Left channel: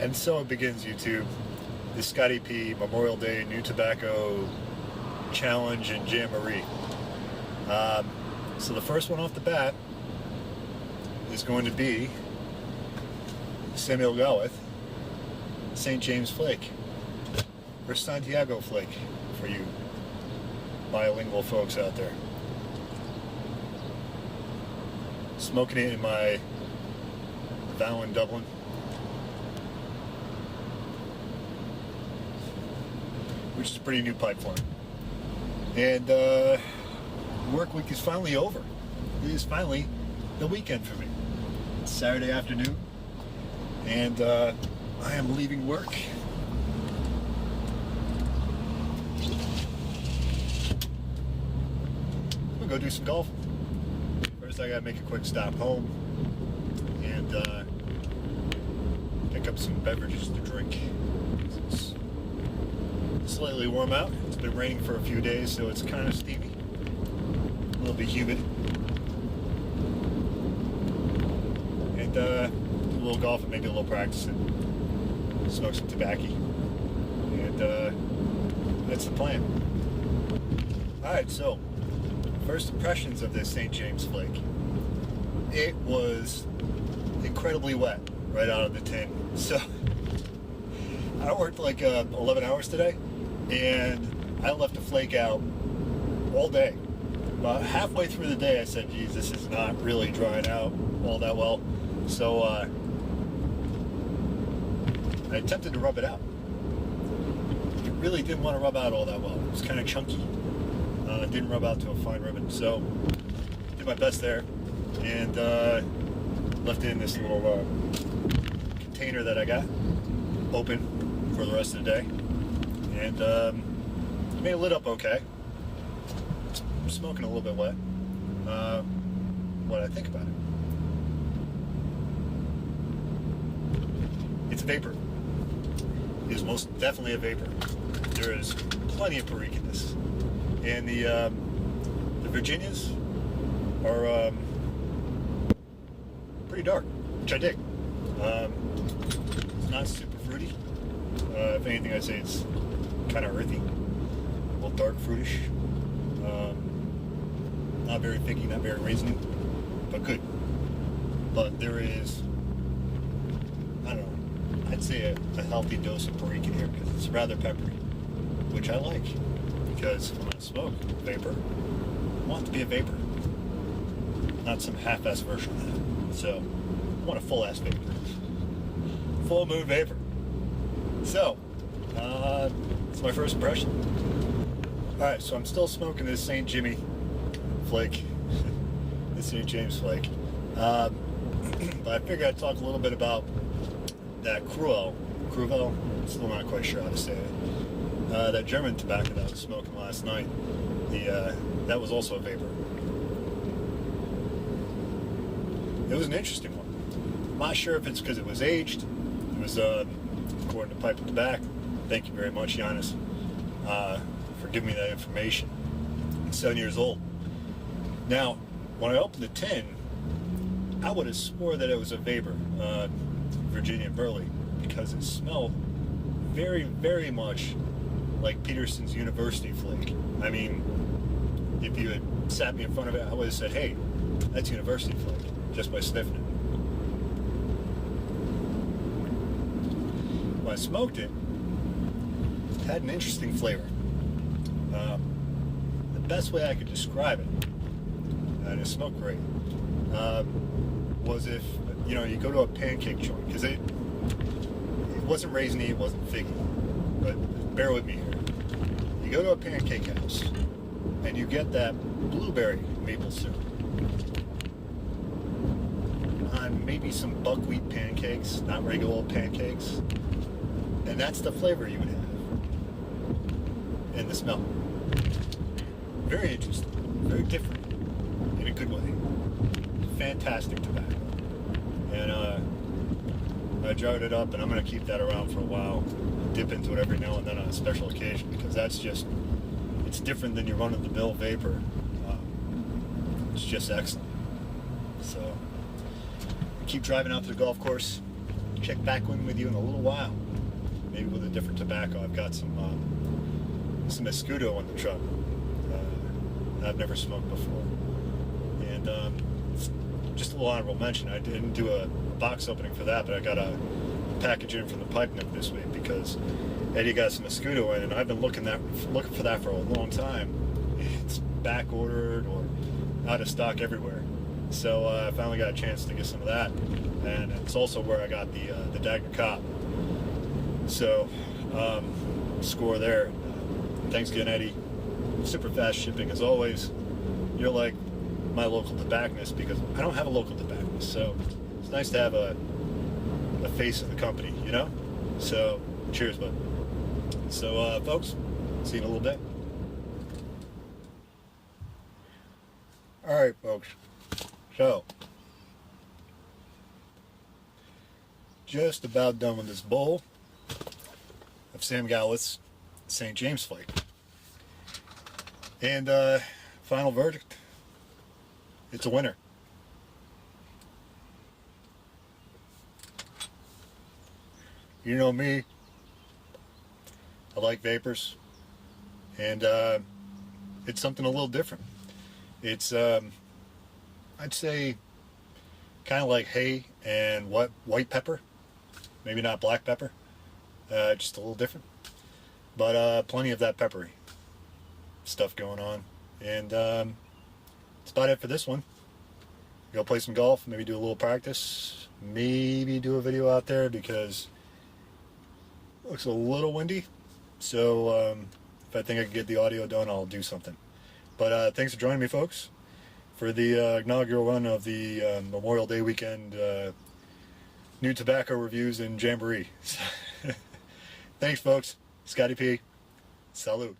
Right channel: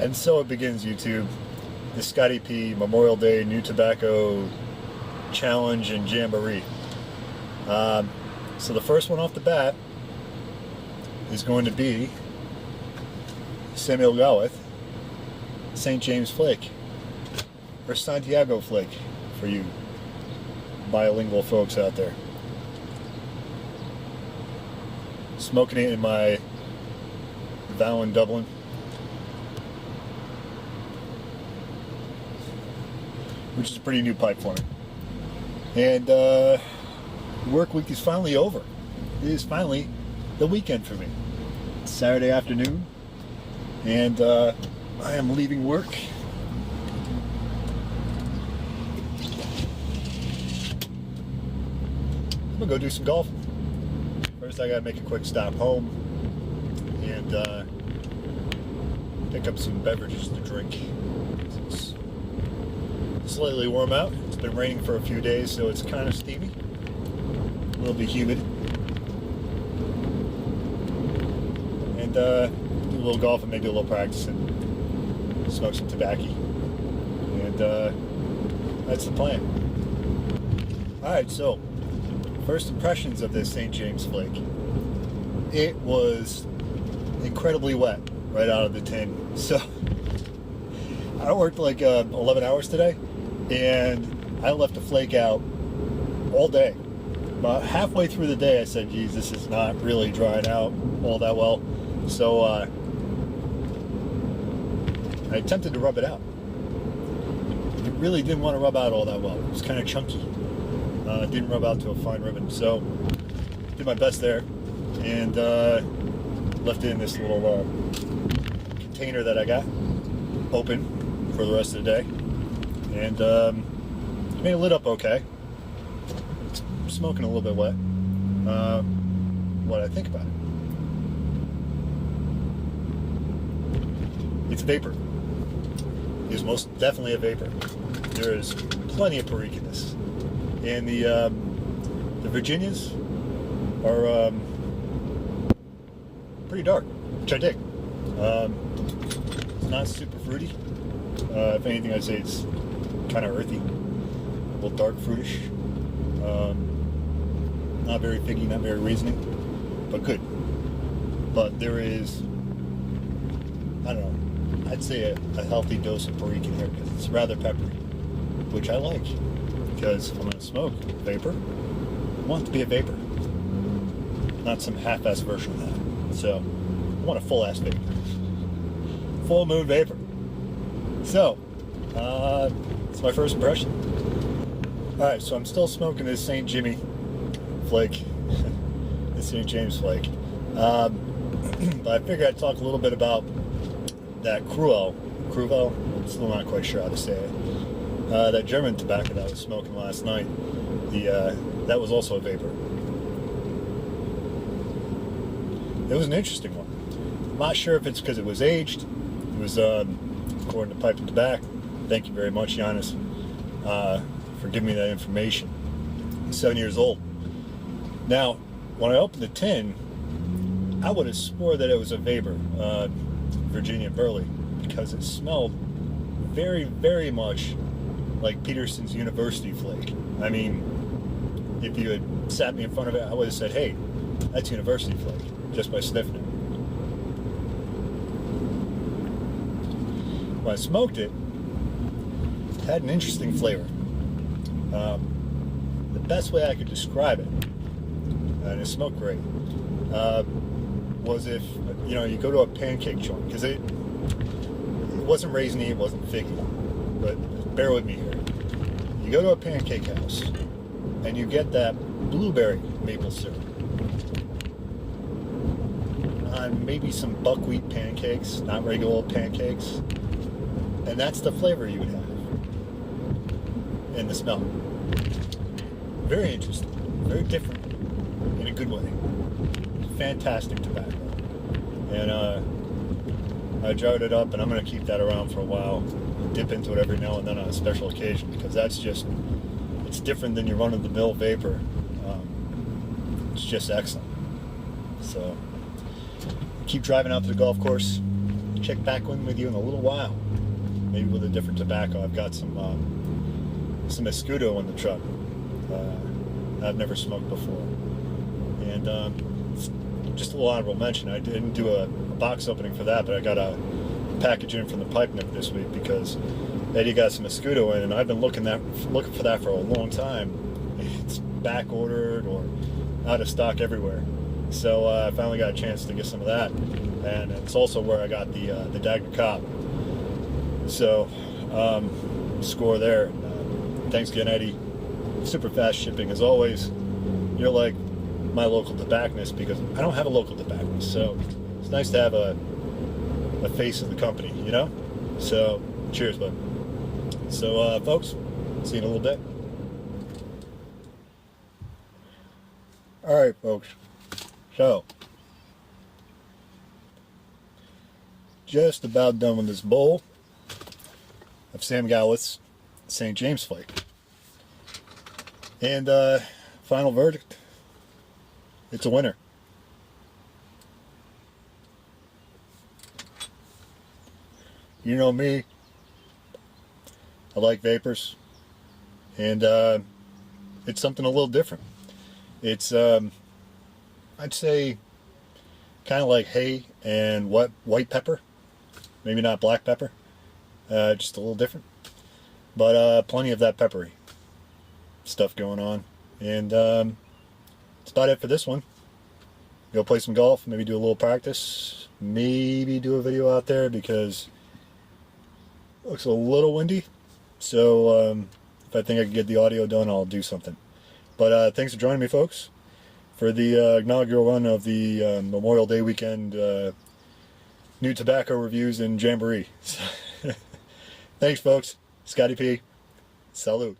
And so it begins, YouTube. The Scotty P Memorial Day New Tobacco Challenge and Jamboree. So the first one off the bat is going to be Samuel Gawith St. James Flake, or Santiago Flake for you bilingual folks out there. Smoking it in my Vow in Dublin. Which is a pretty new pipe for me. And work week is finally over. It is finally the weekend for me. It's Saturday afternoon, and I am leaving work. I'm gonna go do some golf. First, I gotta make a quick stop home and pick up some beverages to drink. It's slightly warm out. It's been raining for a few days, so it's kind of steamy, a little bit humid, and do a little golf and maybe a little practice and smoke some tobacco, and that's the plan. Alright, so first impressions of this St. James Flake. It was incredibly wet right out of the tin. So I worked like 11 hours today, and I left the flake out all day. About halfway through the day, I said, geez, this is not really drying out all that well. So I attempted to rub it out. It really didn't want to rub out all that well. It was kind of chunky. It didn't rub out to a fine ribbon. So did my best there, and left it in this little container that I got open for the rest of the day. And made it lit up okay. It's smoking a little bit wet. What I think about it. It's vapor. It is most definitely a vapor. There is plenty of perique in this. And the Virginias are pretty dark, which I dig. It's not super fruity. If anything, I'd say it's kind of earthy, a little dark fruitish. Not very figgy, not very raisiny, but good. But there is, I don't know, I'd say a healthy dose of perique in here because it's rather peppery, which I like. Because if I'm going to smoke vapor, I want it to be a vapor, not some half-ass version of that. So I want a full-ass vapor, full moon vapor. So it's my first impression. Alright, so I'm still smoking this St. Jimmy Flake, this St. James Flake. But I figured I'd talk a little bit about that Cruwell, still not quite sure how to say it. That German tobacco that I was smoking last night, that was also a vapor. It was an interesting one. I'm not sure if it's because it was aged. It was, according to Pipe and Tobak. Thank you very much, Giannis, for giving me that information. He's 7 years old. Now, when I opened the tin, I would have swore that it was a vapor, Virginia Burley, because it smelled very, very much like Peterson's University Flake. I mean, if you had sat me in front of it, I would have said, hey, that's University Flake, just by sniffing it. When I smoked it, it had an interesting flavor. The best way I could describe it, and it smoked great, was if, you know, you go to a pancake joint, because it wasn't raisiny, it wasn't figgy, but bear with me here. You go to a pancake house, and you get that blueberry maple syrup on maybe some buckwheat pancakes, not regular old pancakes, and that's the flavor you would have, and the smell. Very interesting, very different, in a good way. Fantastic tobacco. And I jarred it up, and I'm going to keep that around for a while. Dip into it every now and then on a special occasion, because that's just, it's different than your run-of-the-mill vapor. It's just excellent. So keep driving out to the golf course, check back in with you in a little while. Maybe with a different tobacco. I've got some Escudo in the truck. I've never smoked before. And just a little honorable mention, I didn't do a box opening for that, but I got a package in from the pipe nip this week because Eddie got some Escudo in, and I've been looking for that for a long time. It's back ordered or out of stock everywhere. So I finally got a chance to get some of that, and it's also where I got the Dagger Cop. So score there. Thanks again, Eddie. Super fast shipping as always. You're like my local tobacconist because I don't have a local tobacconist, so it's nice to have a face of the company, you know? So cheers, bud. So folks, see you in a little bit. Alright folks, so just about done with this bowl of Samuel Gawith St. James Flake. And final verdict, it's a winner. You know me, I like vapors, and it's something a little different. It's, I'd say, kind of like hay and white pepper, maybe not black pepper, just a little different, but plenty of that peppery stuff going on. And that's about it for this one. Go play some golf, maybe do a little practice, maybe do a video out there because it looks a little windy. So if I think I can get the audio done, I'll do something. But thanks for joining me, folks, for the inaugural run of the Memorial Day weekend new tobacco reviews and jamboree. Thanks, folks. Scotty P. Salute.